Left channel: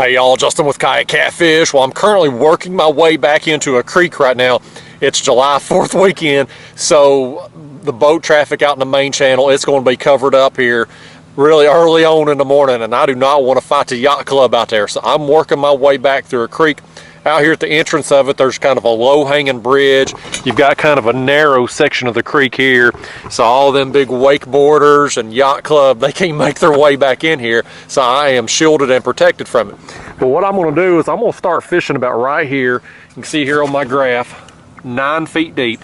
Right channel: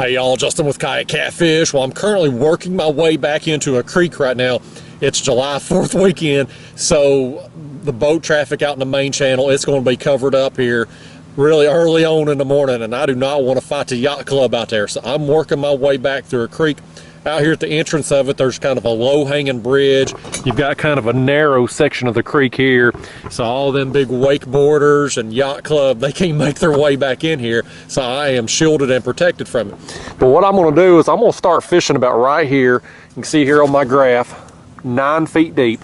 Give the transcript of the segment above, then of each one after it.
Hey y'all, Justin with Kayak Catfish. Well, I'm currently working my way back into a creek right now. It's July 4th weekend, so the boat traffic out in the main channel, it's going to be covered up here really early on in the morning, and I do not want to fight the yacht club out there. So I'm working my way back through a creek. Out here at the entrance of it, there's kind of a low-hanging bridge. You've got kind of a narrow section of the creek here, so all them big wakeboarders and yacht club, they can't make their way back in here, so I am shielded and protected from it. But what I'm going to do is I'm going to start fishing about right here. You can see here on my graph, 9 feet deep,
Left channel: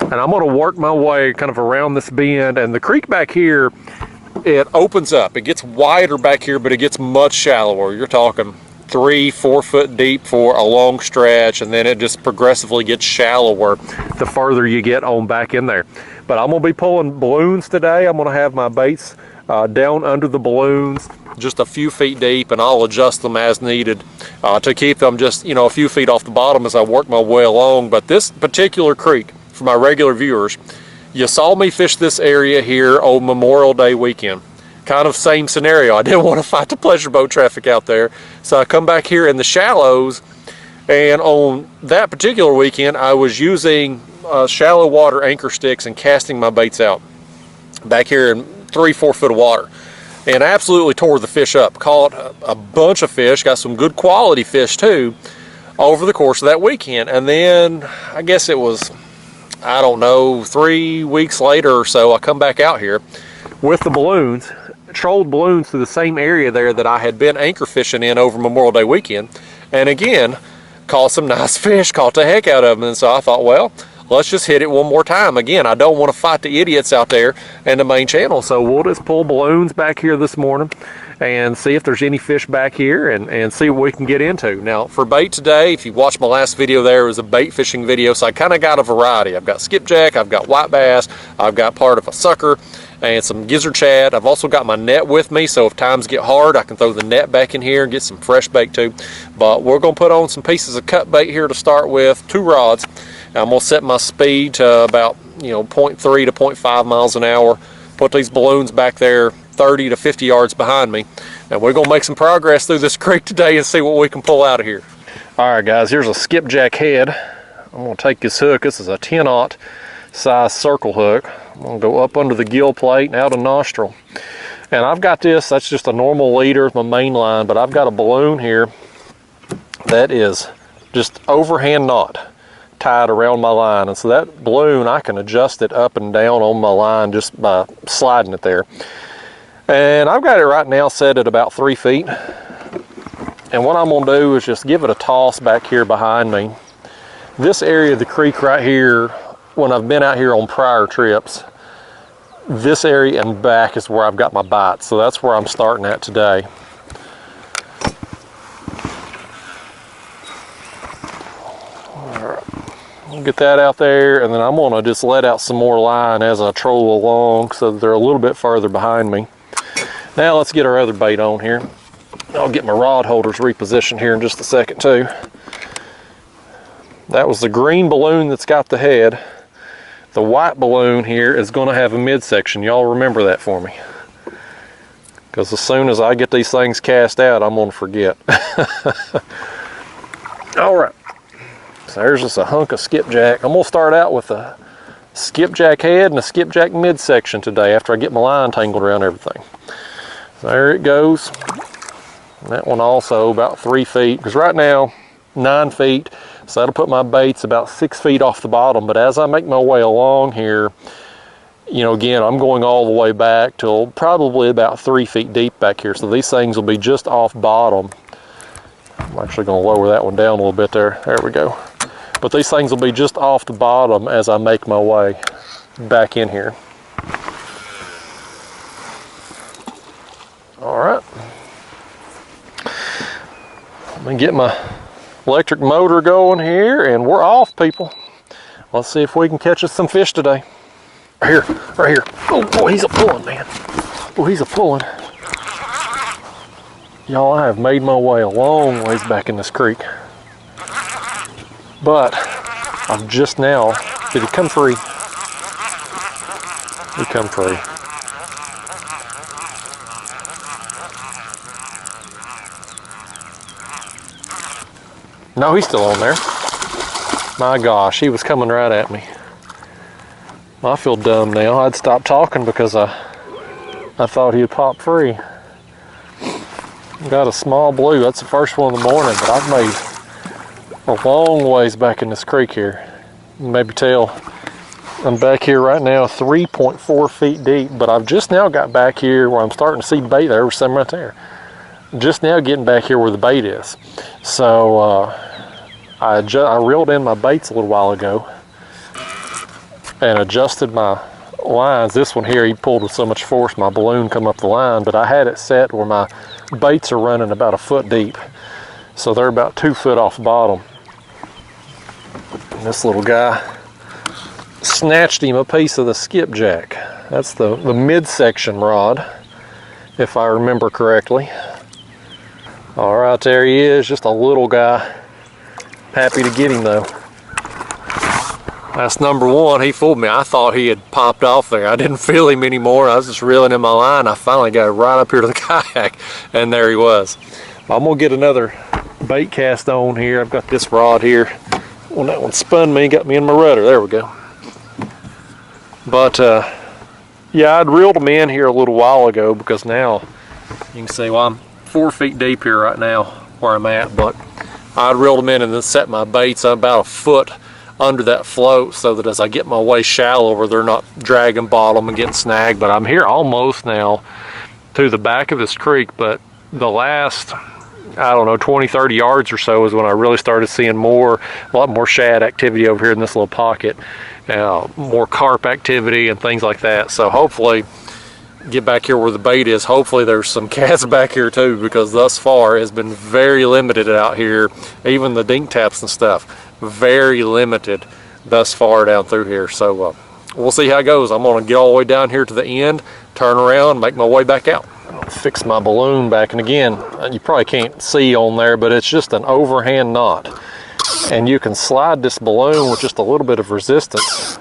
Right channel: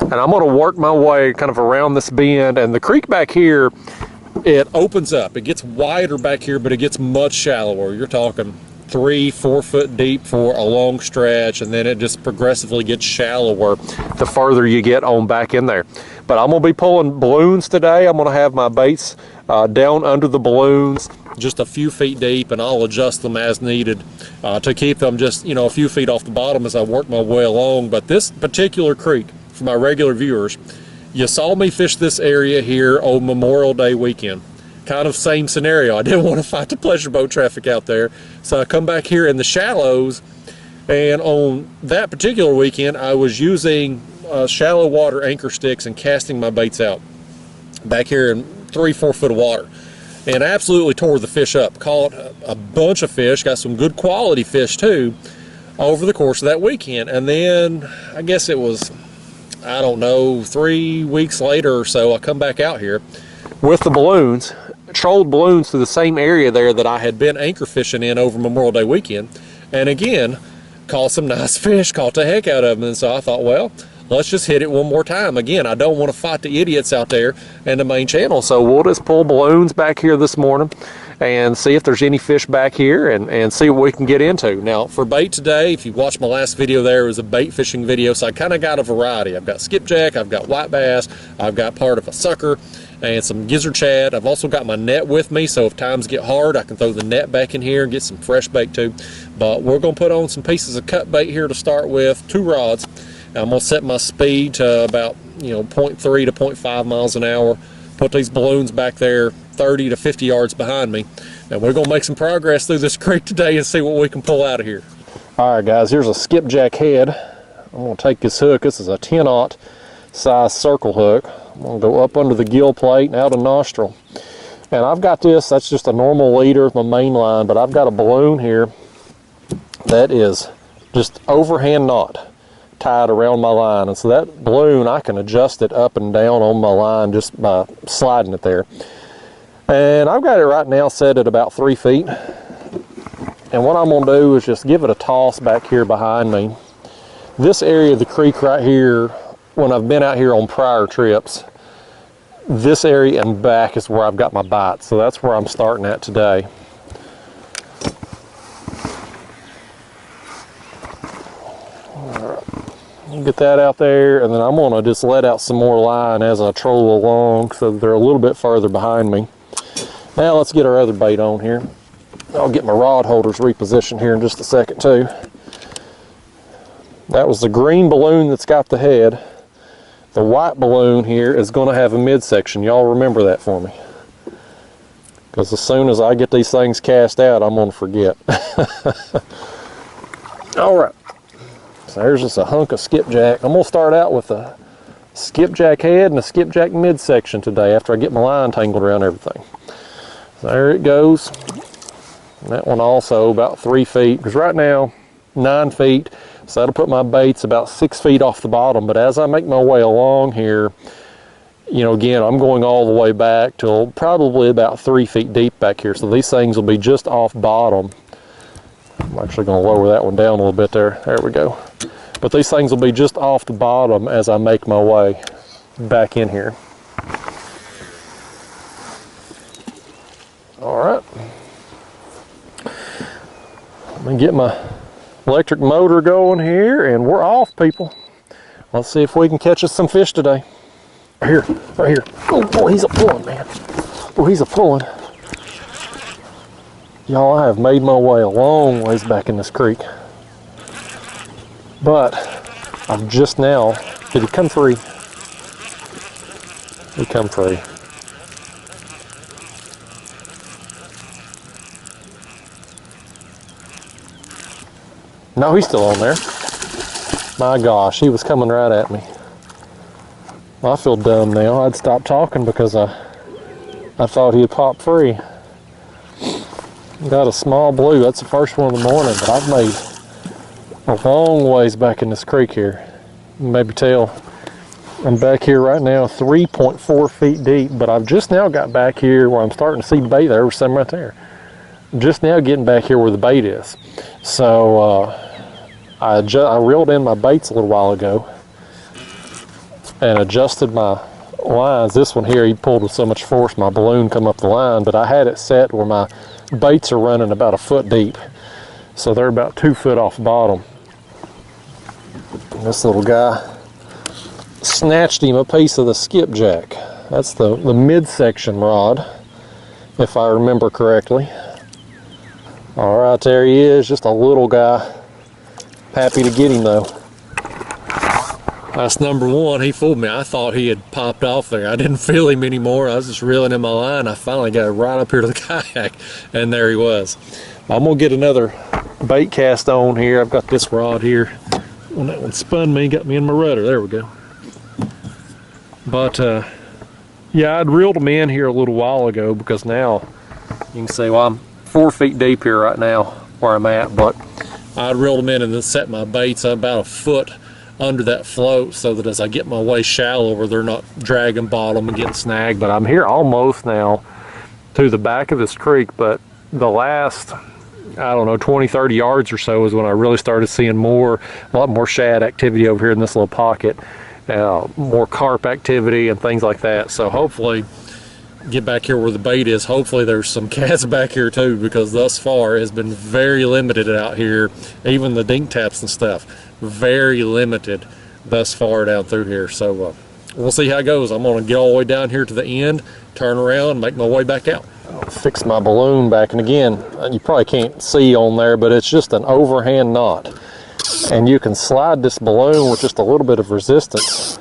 and I'm going to work my way kind of around this bend. And the creek back here, it opens up. It gets wider back here, but it gets much shallower. You're talking 3-4 foot deep for a long stretch, and then it just progressively gets shallower the further you get on back in there. But I'm going to be pulling balloons today. I'm going to have my baits down under the balloons just a few feet deep, and I'll adjust them as needed to keep them just, you know, a few feet off the bottom as I work my way along. But this particular creek, for my regular viewers, you saw me fish this area here on Memorial Day weekend. Kind of same scenario. I didn't want to fight the pleasure boat traffic out there, so I come back here in the shallows. And on that particular weekend, I was using shallow water anchor sticks and casting my baits out back here in 3-4 foot of water, and absolutely tore the fish up. Caught a bunch of fish, got some good quality fish too over the course of that weekend. And then I guess it was, I don't know, 3 weeks later or so, I come back out here with the balloons, trolled balloons to the same area there that I had been anchor fishing in over Memorial Day weekend, and again caught some nice fish, caught the heck out of them. And so I thought, well, let's just hit it one more time. Again, I don't want to fight the idiots out there in the main channel, so we'll just pull balloons back here this morning and see if there's any fish back here, and see what we can get into. Now for bait today, if you watched my last video, there was a bait fishing video, so I kind of got a variety. I've got skipjack, I've got white bass, I've got part of a sucker and some gizzard shad. I've also got my net with me, so if times get hard, I can throw the net back in here and get some fresh bait too. But we're going to put on some pieces of cut bait here to start with, 2 rods. I'm going to set my speed to about, you know, 0.3 to 0.5 miles an hour. Put these balloons back there 30 to 50 yards behind me, and we're going to make some progress through this creek today and see what we can pull out of here. All right guys, here's a skipjack head. I'm going to take this hook. This is a 10-aught size circle hook. I'm going to go up under the gill plate and out a nostril, and I've got this, that's just a normal leader, my main line, but I've got a balloon here that is just overhand knot tied around my line, and so that balloon, I can adjust it up and down on my line just by sliding it there. And I've got it right now set at about 3 feet, and what I'm going to do is just give it a toss back here behind me. This area of the creek right here, when I've been out here on prior trips, this area and back is where I've got my bites, so that's where I'm starting at today. Get that out there, and then I'm going to just let out some more line as I troll along so that they're a little bit further behind me. Now let's get our other bait on here. I'll get my rod holders repositioned here in just a second too. That was the green balloon that's got the head. The white balloon here is going to have a midsection. Y'all remember that for me, because as soon as I get these things cast out, I'm going to forget. All right. So there's just a hunk of skipjack. I'm going to start out with a skipjack head and a skipjack midsection today after I get my line tangled around everything. So there it goes. And that one also about 3 feet, because right now 9 feet, so that'll put my baits about 6 feet off the bottom. But as I make my way along here, you know, again, I'm going all the way back till probably about 3 feet deep back here, so these things will be just off bottom. I'm actually going to lower that one down a little bit there. There we go. But these things will be just off the bottom as I make my way back in here. All right. Let me get my electric motor going here, and we're off, people. Let's see if we can catch us some fish today. Right here, right here. Oh boy, he's a pulling, man. Oh, he's a pulling. Y'all, I have made my way a long ways back in this creek, but I've just now, did he come free? He come free. No, he's still on there. My gosh, he was coming right at me. I feel dumb now. I'd stopped talking because I thought he'd pop free. Got a small blue. That's the first one of the morning, but I've made a long ways back in this creek here. You can maybe tell I'm back here right now 3.4 feet deep, but I've just now got back here where I'm starting to see bait. There was some right there. Just now getting back here where the bait is. So I reeled in my baits a little while ago and adjusted my lines. This one here, he pulled with so much force my balloon come up the line, but I had it set where my baits are running about a foot deep. So they're about 2 foot off bottom. And this little guy snatched him a piece of the skipjack. That's the midsection rod, if I remember correctly. All right, there he is, just a little guy. Happy to get him though. That's number one. He fooled me. I thought he had popped off there. I didn't feel him anymore. I was just reeling in my line. I finally got right up here to the kayak, and there he was. I'm gonna get another bait cast on here. I've got this rod here. When that one spun me, got me in my rudder. There we go. But yeah, I'd reeled them in here a little while ago because now you can see, well, I'm 4 feet deep here right now where I'm at, but I'd reeled them in and then set my baits about a foot under that float so that as I get my way shallower, they're not dragging bottom and getting snagged. But I'm here almost now to the back of this creek, but the last, I don't know, 20, 30 yards or so is when I really started seeing a lot more shad activity over here in this little pocket, more carp activity and things like that. So hopefully get back here where the bait is. Hopefully there's some cats back here too, because thus far it has been very limited out here. Even the dink taps and stuff, very limited thus far down through here. So we'll see how it goes. I'm gonna get all the way down here to the end, turn around, make my way back out. I'll fix my balloon back, and again, you probably can't see on there, but it's just an overhand knot, and you can slide this balloon with just a little bit of resistance.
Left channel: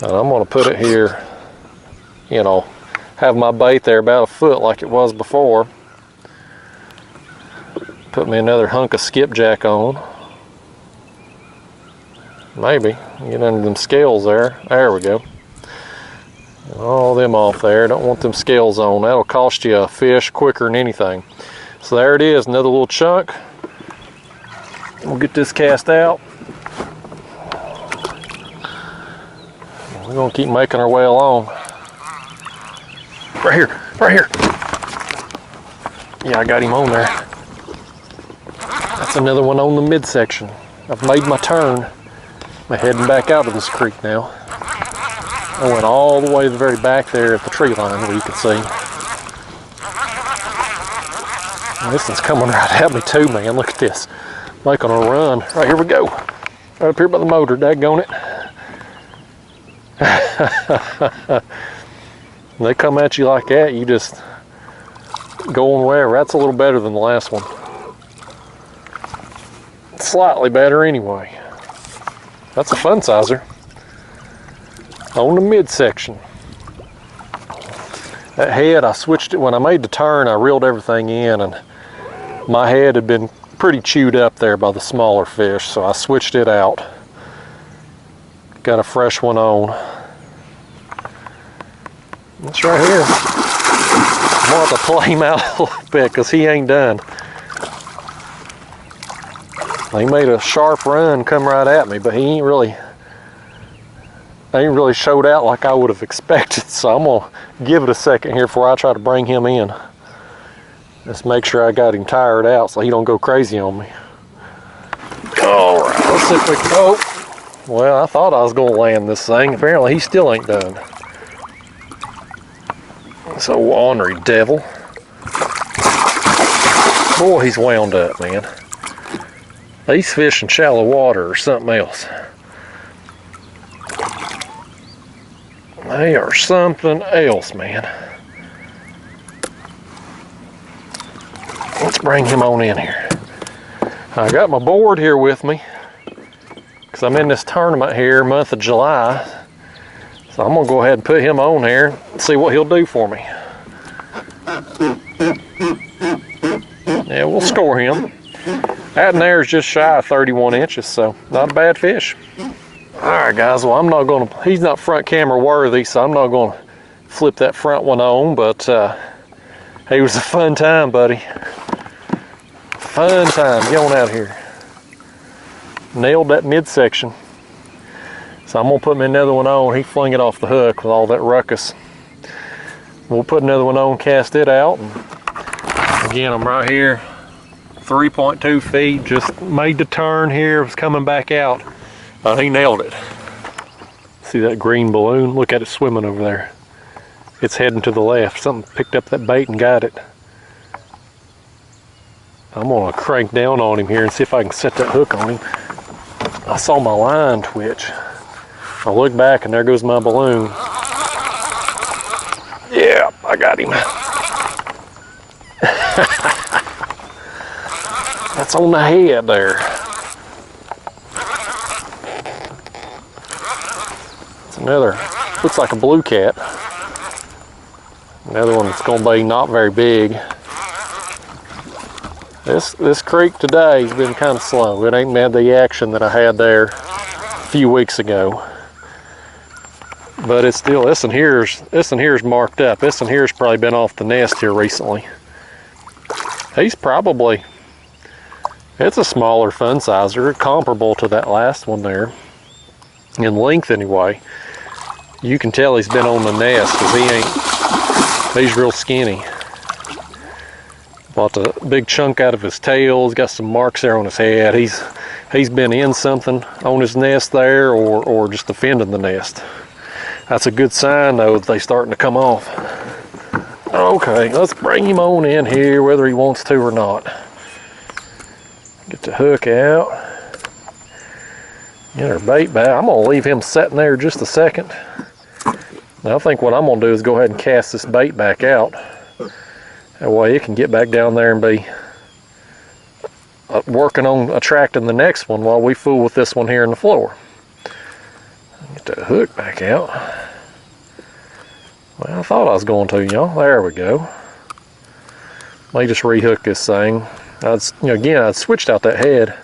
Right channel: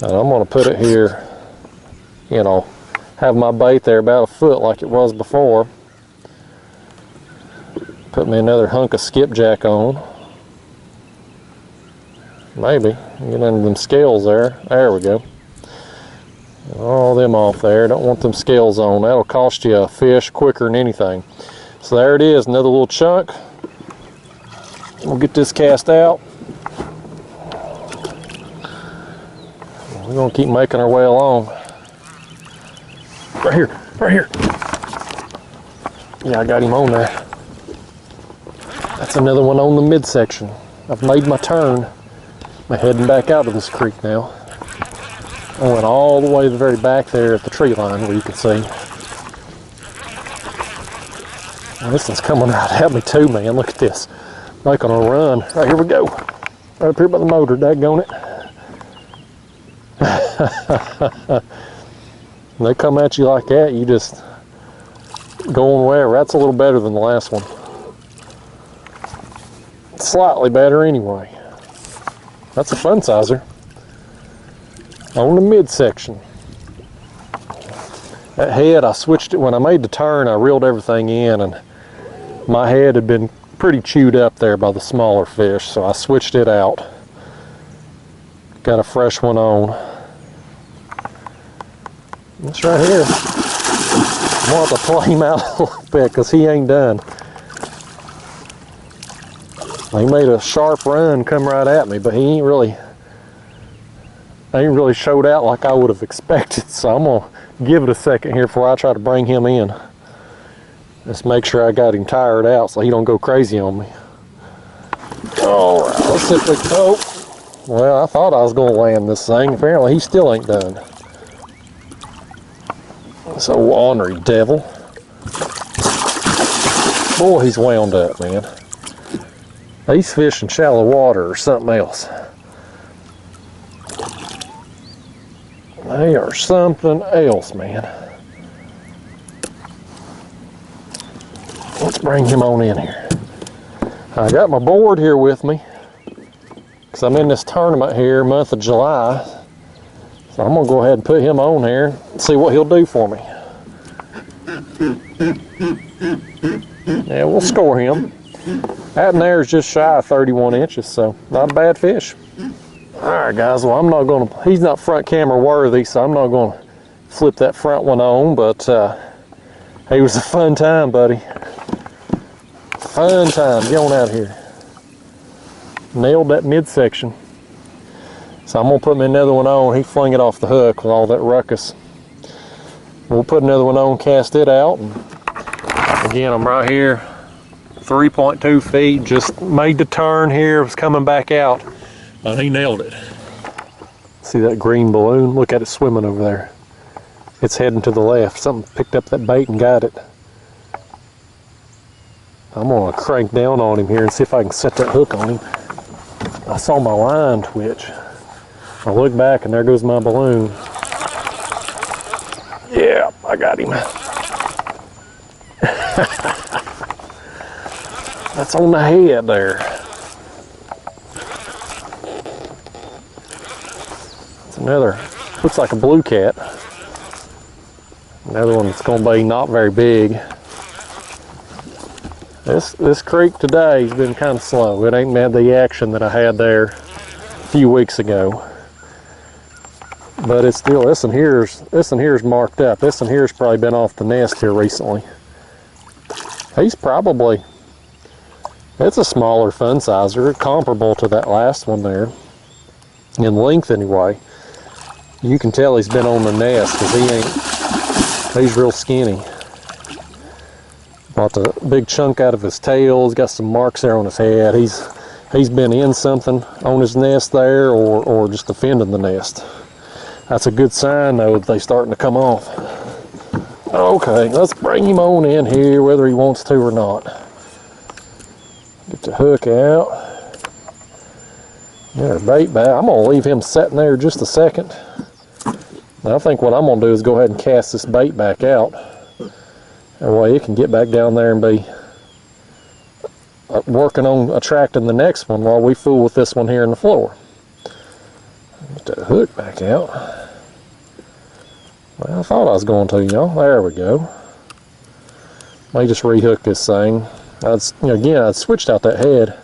And I'm gonna put it here, you know, have my bait there about a foot like it was before. Put me another hunk of skipjack on. Maybe get under them scales there. There we go. All them off there. Don't want them scales on. That'll cost you a fish quicker than anything. So there it is, another little chunk. We'll get this cast out. We're gonna keep making our way along. Right here, right here. Yeah, I got him on there. That's another one on the midsection. I've made my turn. I'm heading back out of this creek now. I went all the way to the very back there at the tree line where you can see. And this one's coming right at me too, man. Look at this. Making a run. Right, here we go. Right up here by the motor, daggone it. When they come at you like that, you just going wherever. That's a little better than the last one. Slightly better anyway. That's a fun sizer. On the midsection. That head, I switched it when I made the turn. I reeled everything in, and my head had been pretty chewed up there by the smaller fish, so I switched it out. Got a fresh one on. That's right here. I'm gonna have to play him out a little bit because he ain't done. He made a sharp run, come right at me, but he ain't really showed out like I would have expected. So I'm gonna give it a second here before I try to bring him in. Just make sure I got him tired out so he don't go crazy on me. All right, let's see if we can. Oh, well, I thought I was gonna land this thing. Apparently he still ain't done. This old ornery devil. Boy, he's wound up, man. These fish in shallow water or something else. They are something else, man. Let's bring him on in here. I got my board here with me because I'm in this tournament here, month of July. So I'm gonna go ahead and put him on here and see what he'll do for me. Yeah, we'll score him. That in there is just shy of 31 inches, so not a bad fish. All right, guys, well, I'm not gonna, he's not front camera worthy, so I'm not gonna flip that front one on, but it was a fun time, buddy. Fun time, get on out here. Nailed that midsection. So I'm gonna put me another one on. He flung it off the hook with all that ruckus. We'll put another one on, cast it out. And again, I'm right here, 3.2 feet, just made the turn here, was coming back out. He nailed it. See that green balloon? Look at it swimming over there. It's heading to the left. Something picked up that bait and got it. I'm gonna crank down on him here and see if I can set that hook on him. I saw my line twitch. I look back and there goes my balloon. Yeah, I got him. That's on the head there. It's another, looks like a blue cat. Another one that's gonna be not very big. This creek today has been kind of slow. It ain't had the action that I had there a few weeks ago. But it's still, this one here's marked up. This one here's probably been off the nest here recently. He's probably, it's a smaller fun sizer, comparable to that last one there. In length anyway. You can tell he's been on the nest because he's real skinny. Bought a big chunk out of his tail. He's got some marks there on his head. He's been in something on his nest there or just defending the nest. That's a good sign though that they're starting to come off. Okay, let's bring him on in here whether he wants to or not. Get the hook out. Get our bait back. I'm gonna leave him sitting there just a second. Now I think what I'm gonna do is go ahead and cast this bait back out. That way it can get back down there and be working on attracting the next one while we fool with this one here in the floor. Get that hook back out. Well, I thought I was going to, y'all. There we go. Let me just rehook this thing. Again, I'd switched out that head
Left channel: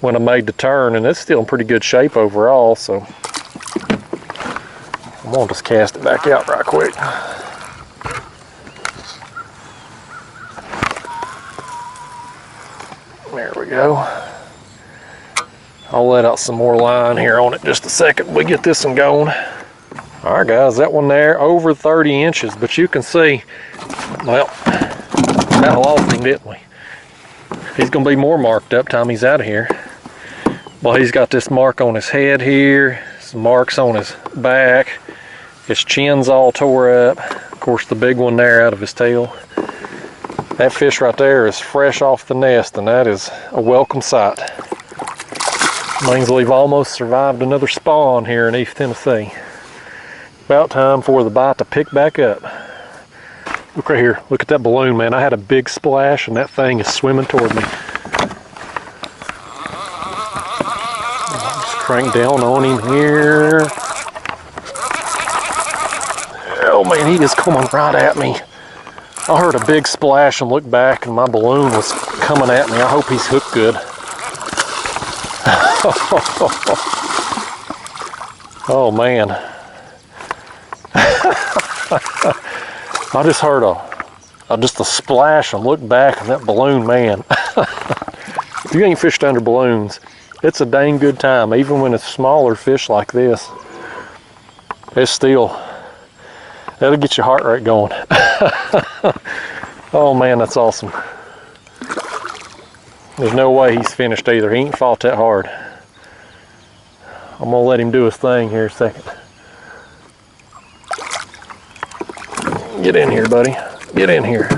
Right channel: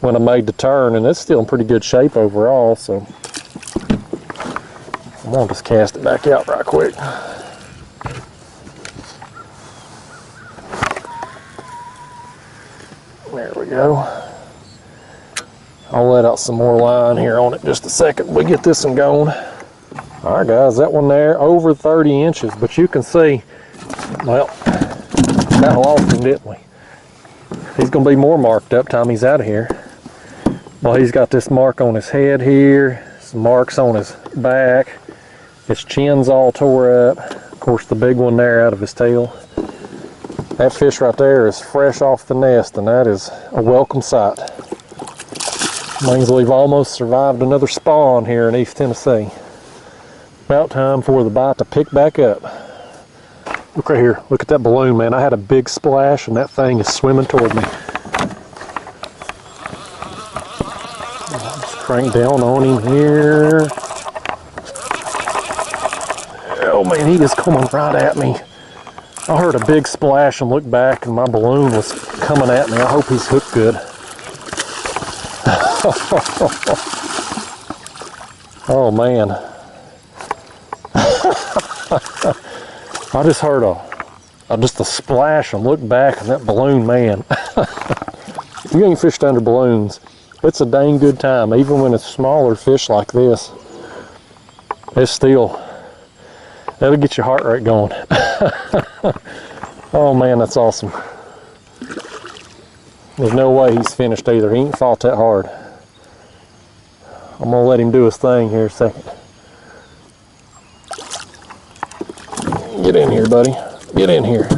when I made the turn, and it's still in pretty good shape overall, so I'm gonna just cast it back out right quick. There we go. I'll let out some more line here on it just a second. We get this one going. All right, guys, that one there over 30 inches, but you can see, well, that lost him, didn't we? He's gonna be more marked up time he's out of here. Well, he's got this mark on his head here, some marks on his back. His chin's all tore up. Of course, the big one there out of his tail. That fish right there is fresh off the nest, and that is a welcome sight. Means we've almost survived another spawn here in East Tennessee. About time for the bite to pick back up. Look right here. Look at that balloon, man. I had a big splash, and that thing is swimming toward me. Just crank down on him here. Oh man, he is coming right at me. I heard a big splash and looked back, and my balloon was coming at me. I hope he's hooked good. Oh man. I just heard just a splash and looked back, and that balloon, man. If you ain't fished under balloons, it's a dang good time, even when it's smaller fish like this. It's still, that'll get your heart rate going. Oh man, that's awesome. There's no way he's finished either. He ain't fought that hard. I'm gonna let him do his thing here a second. Get in here, buddy. Get in here.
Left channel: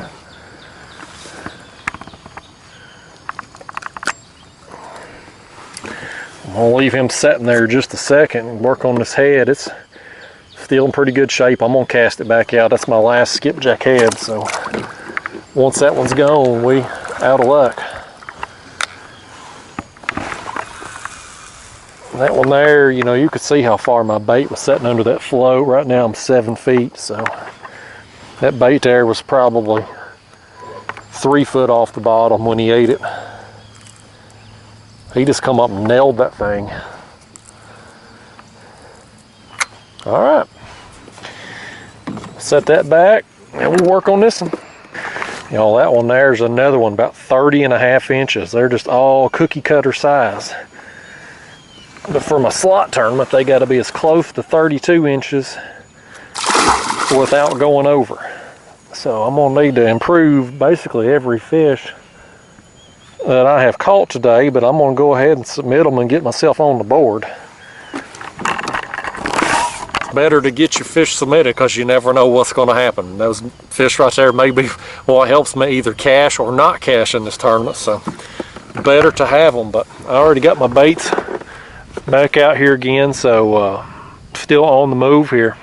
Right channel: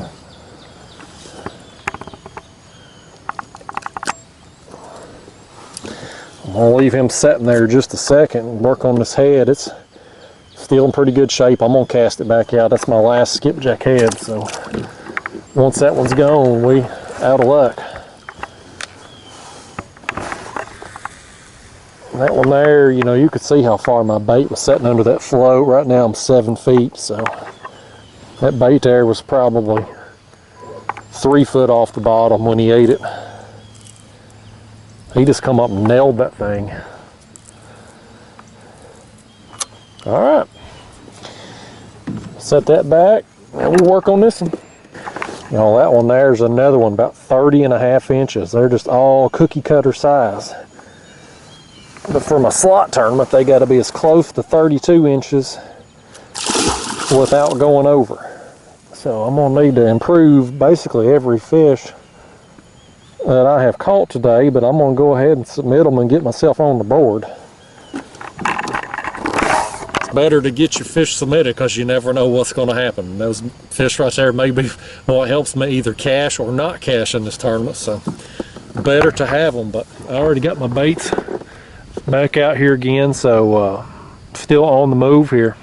I'm gonna leave him sitting there just a second and work on this head. It's still in pretty good shape. I'm gonna cast it back out. That's my last skipjack head, so once that one's gone, we out of luck. That one there, you know, you could see how far my bait was sitting under that float. Right now I'm 7 feet, so that bait there was probably 3 foot off the bottom when he ate it. He just come up and nailed that thing. All right. Set that back and we'll work on this one. You know, that one there's another one about 30.5 inches. They're just all cookie cutter size. But for my slot tournament, they got to be as close to 32 inches without going over. So I'm gonna need to improve basically every fish that I have caught today, but I'm gonna go ahead and submit them and get myself on the board. It's better to get your fish submitted because you never know what's gonna happen. Those fish right there may be what helps me either cash or not cash in this tournament, so better to have them. But I already got my baits back out here again, so still on the move here.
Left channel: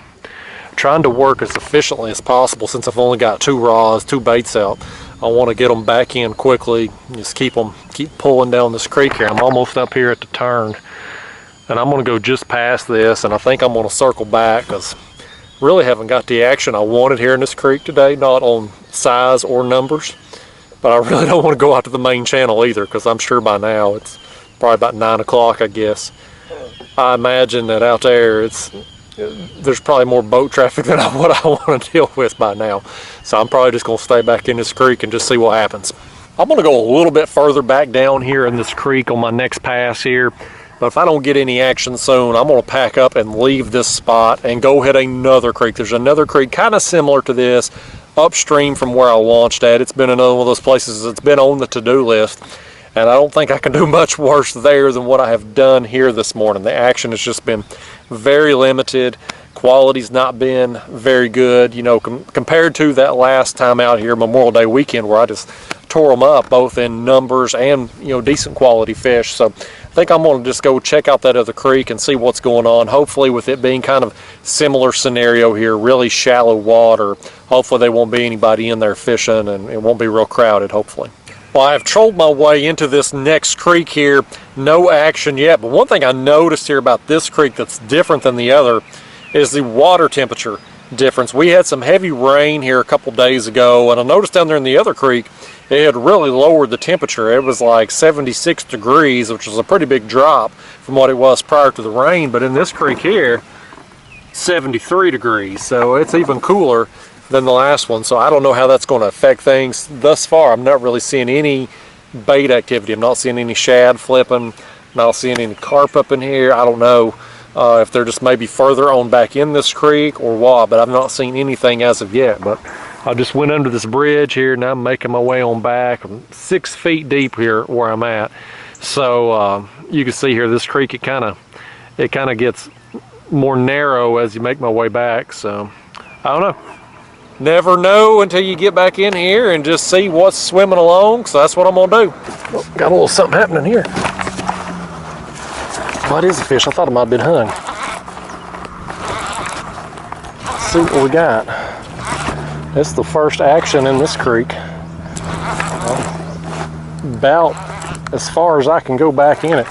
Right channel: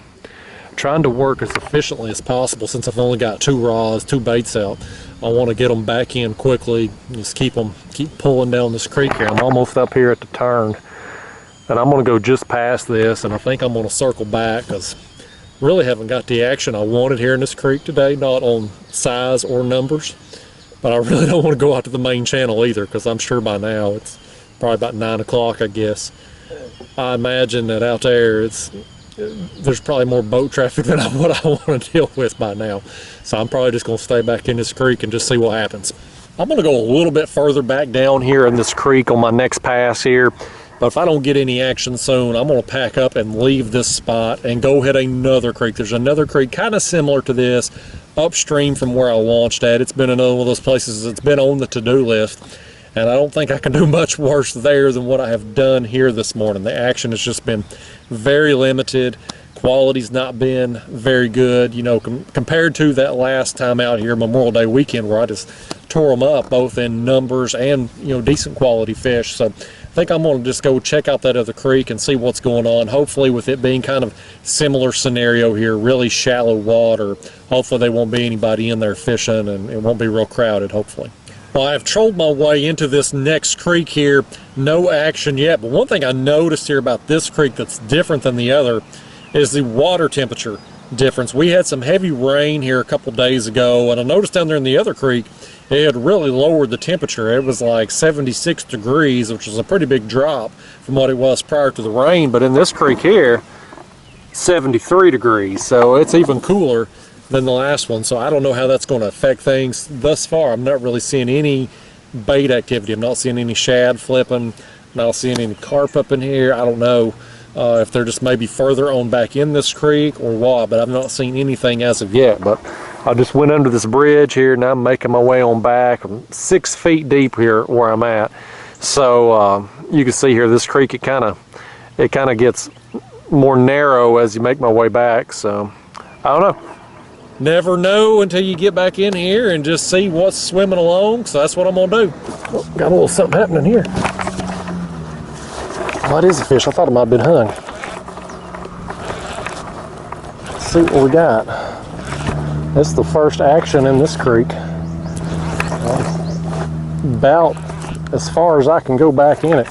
Trying to work as efficiently as possible since I've only got 2 rods, 2 baits out. I want to get them back in quickly, just keep pulling down this creek here. I'm almost up here at the turn, and I'm going to go just past this, and I think I'm going to circle back because really haven't got the action I wanted here in this creek today, not on size or numbers, but I really don't want to go out to the main channel either because I'm sure by now it's probably about 9 o'clock, I guess. I imagine that out there there's probably more boat traffic than what I want to deal with by now. So I'm probably just going to stay back in this creek and just see what happens. I'm going to go a little bit further back down here in this creek on my next pass here. But if I don't get any action soon, I'm going to pack up and leave this spot and go hit another creek. There's another creek kind of similar to this upstream from where I launched at. It's been another one of those places that's been on the to-do list. And I don't think I can do much worse there than what I have done here this morning. The action has just been very limited. Quality's not been very good, you know, compared to that last time out here, Memorial Day weekend, where I just tore them up, both in numbers and, you know, decent quality fish. So I think I'm going to just go check out that other creek and see what's going on. Hopefully, with it being kind of similar scenario here, really shallow water, hopefully there won't be anybody in there fishing and it won't be real crowded, hopefully. Well, I've trolled my way into this next creek here. No action yet, but one thing I noticed here about this creek that's different than the other is the water temperature difference. We had some heavy rain here a couple days ago, and I noticed down there in the other creek, it had really lowered the temperature. It was like 76 degrees, which was a pretty big drop from what it was prior to the rain, but in this creek here, 73 degrees, so it's even cooler than the last one. So I don't know how that's going to affect things. Thus far, I'm not really seeing any bait activity. I'm not seeing any shad flipping, not seeing any carp up in here. I don't know if they're just maybe further on back in this creek or what, but I've not seen anything as of yet. But I just went under this bridge here, and I'm making my way on back. I'm 6 feet deep here where I'm at. So you can see here, this creek, it kind of gets more narrow as you make my way back. So I don't know. Never know until you get back in here and just see what's swimming along. So that's what I'm gonna do. Oh, got a little something happening here. What is a fish? I thought it might have been hung. Let's see what we got. This is the first action in this creek. About as far as I can go back in it.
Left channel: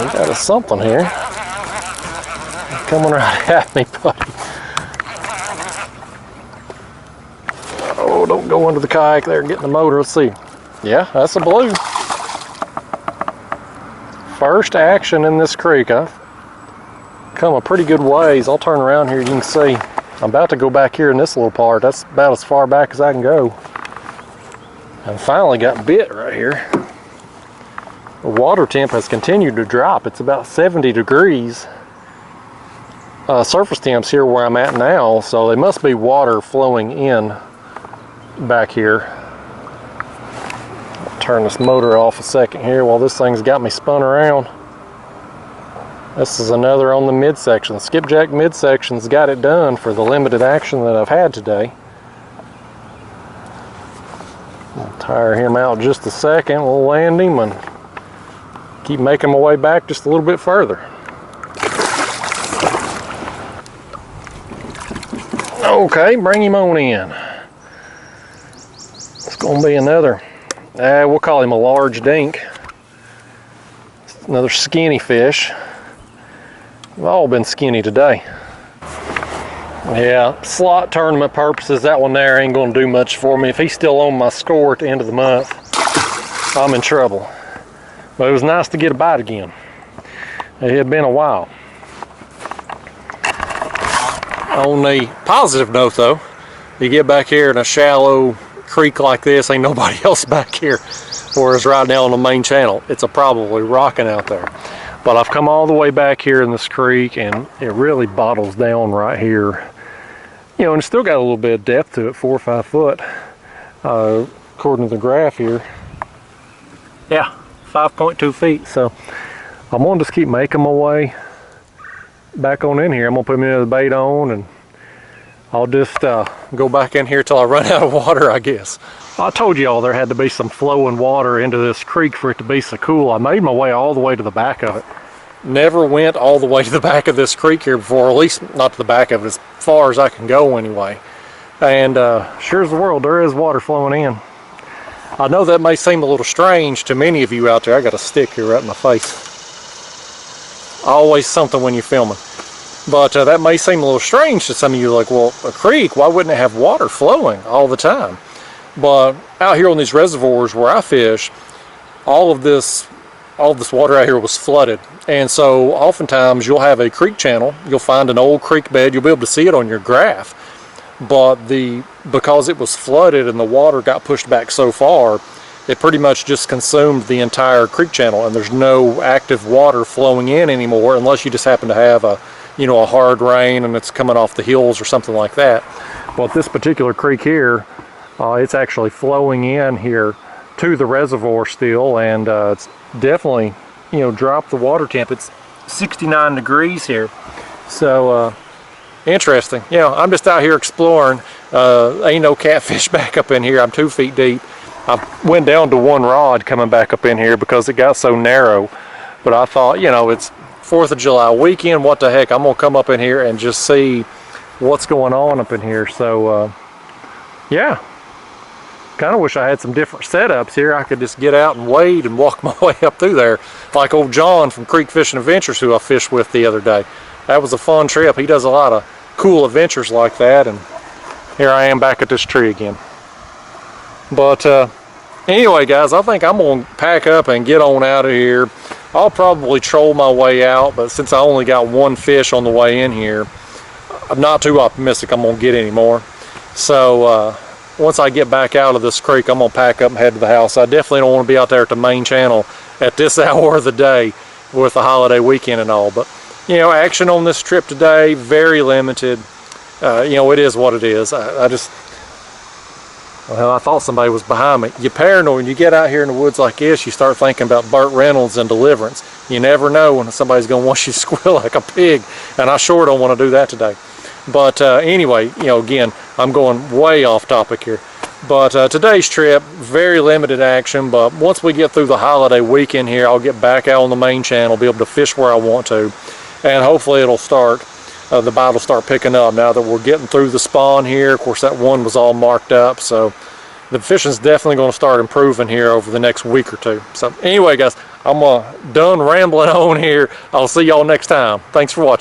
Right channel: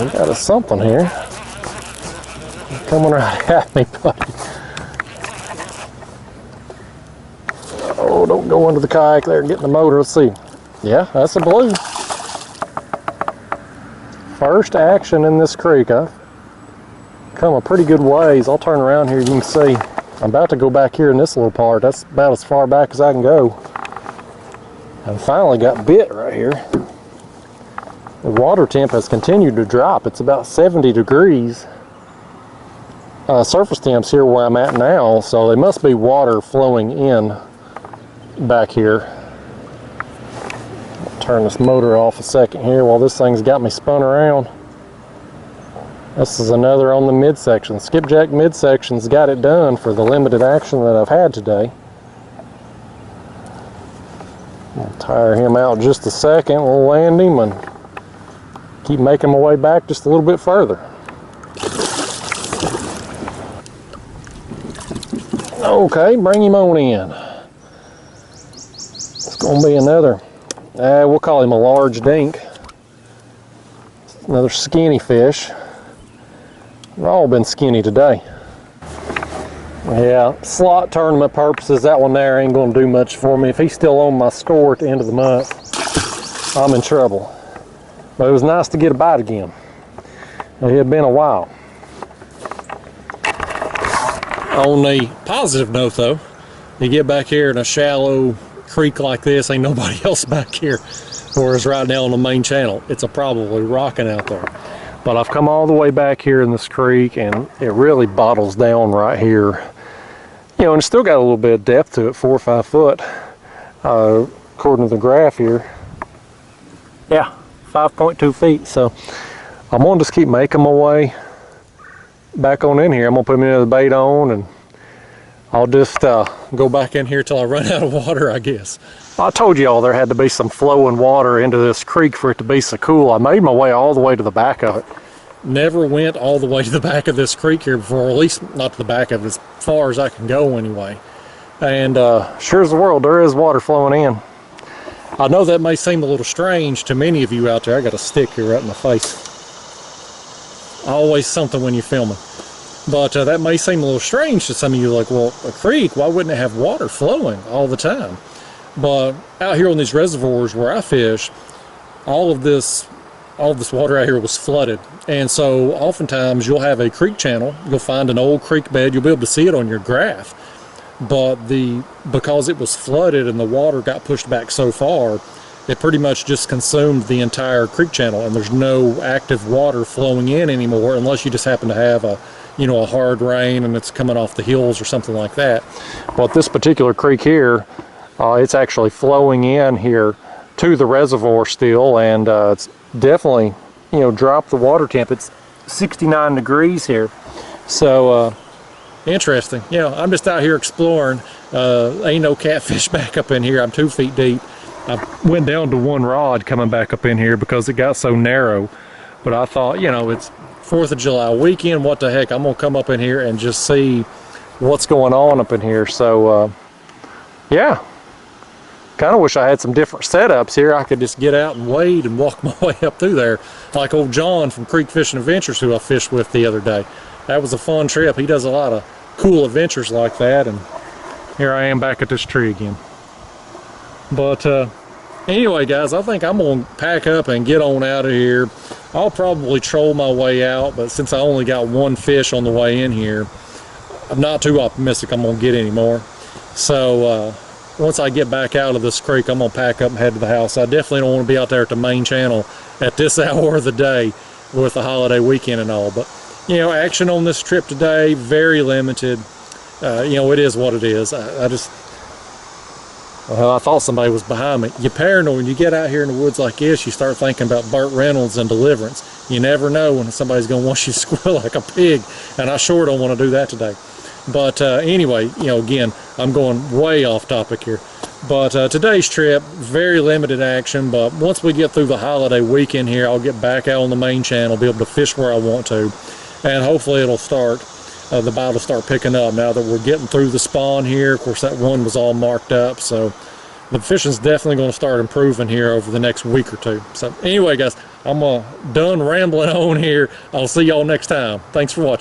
We got a something here. Coming right at me, buddy. Oh, don't go under the kayak there and get in the motor. Let's see. Yeah, that's a blue. First action in this creek. I've come a pretty good ways. I'll turn around here, you can see. I'm about to go back here in this little part. That's about as far back as I can go. I finally got bit right here. The water temp has continued to drop. It's about 70 degrees. Surface temps here where I'm at now, so there must be water flowing in back here. I'll turn this motor off a second here while this thing's got me spun around. This is another on the midsection. Skipjack midsection's got it done for the limited action that I've had today. I'll tire him out just a second. We'll land him and keep making my way back just a little bit further. Okay, bring him on in. It's going to be another, we'll call him a large dink. Another skinny fish. They've all been skinny today. Yeah, slot tournament purposes, that one there ain't going to do much for me. If he's still on my score at the end of the month, I'm in trouble. But it was nice to get a bite again. It had been a while. On the positive note though, you get back here in a shallow creek like this, ain't nobody else back here. Whereas right now on the main channel, it's probably rocking out there. But I've come all the way back here in this creek and it really bottles down right here. You know, and it's still got a little bit of depth to it, 4 or 5 foot, according to the graph here. Yeah, 5.2 feet. So I'm gonna just keep making my way back on in here. I'm gonna put me the bait on and I'll just go back in here till I run out of water, I guess. I told y'all there had to be some flowing water into this creek for it to be so cool. I made my way all the way to the back of it. Never went all the way to the back of this creek here before, or at least not to the back of it, as far as I can go anyway. And sure as the world, there is water flowing in. I know that may seem a little strange to many of you out there. I got a stick here right in my face. Always something when you're filming. But that may seem a little strange to some of you, like, well, a creek, why wouldn't it have water flowing all the time? But out here on these reservoirs where I fish, all of this water out here was flooded. And so oftentimes you'll have a creek channel, you'll find an old creek bed, you'll be able to see it on your graph. But because it was flooded and the water got pushed back so far, it pretty much just consumed the entire creek channel, and there's no active water flowing in anymore unless you just happen to have a hard rain and it's coming off the hills or something like that. But this particular creek here, it's actually flowing in here to the reservoir still, and it's definitely, dropped the water temp. It's 69 degrees here. So interesting. I'm just out here exploring. Ain't no catfish back up in here. I'm 2 feet deep. I went down to 1 rod coming back up in here because it got so narrow. But I thought, it's 4th of July weekend, what the heck, I'm gonna come up in here and just see what's going on up in here. So yeah, kind of wish I had some different setups here. I could just get out and wade and walk my way up through there like old John from Creek Fishing Adventures, who I fished with the other day. That was a fun trip. He does a lot of cool adventures like that, and here I am back at this tree again. But anyway, guys, I think I'm gonna pack up and get on out of here. I'll probably troll my way out, but since I only got 1 fish on the way in here, I'm not too optimistic I'm gonna get any more. So once I get back out of this creek, I'm gonna pack up and head to the house. I definitely don't want to be out there at the main channel at this hour of the day with the holiday weekend and all. But action on this trip today, very limited. It is what it is. Well, I thought somebody was behind me. You're paranoid when you get out here in the woods like this. You start thinking about Burt Reynolds and Deliverance. You never know when somebody's going to want you to squeal like a pig, and I sure don't want to do that today. But anyway, again, I'm going way off topic here. But today's trip, very limited action. But once we get through the holiday weekend here, I'll get back out on the main channel, be able to fish where I want to, and hopefully it'll start. The bite will start picking up now that we're getting through the spawn here. Of course, that one was all marked up, so the fishing's definitely going to start improving here over the next week or two. So anyway, guys, I'm done rambling on here. I'll see y'all next time. Thanks for watching.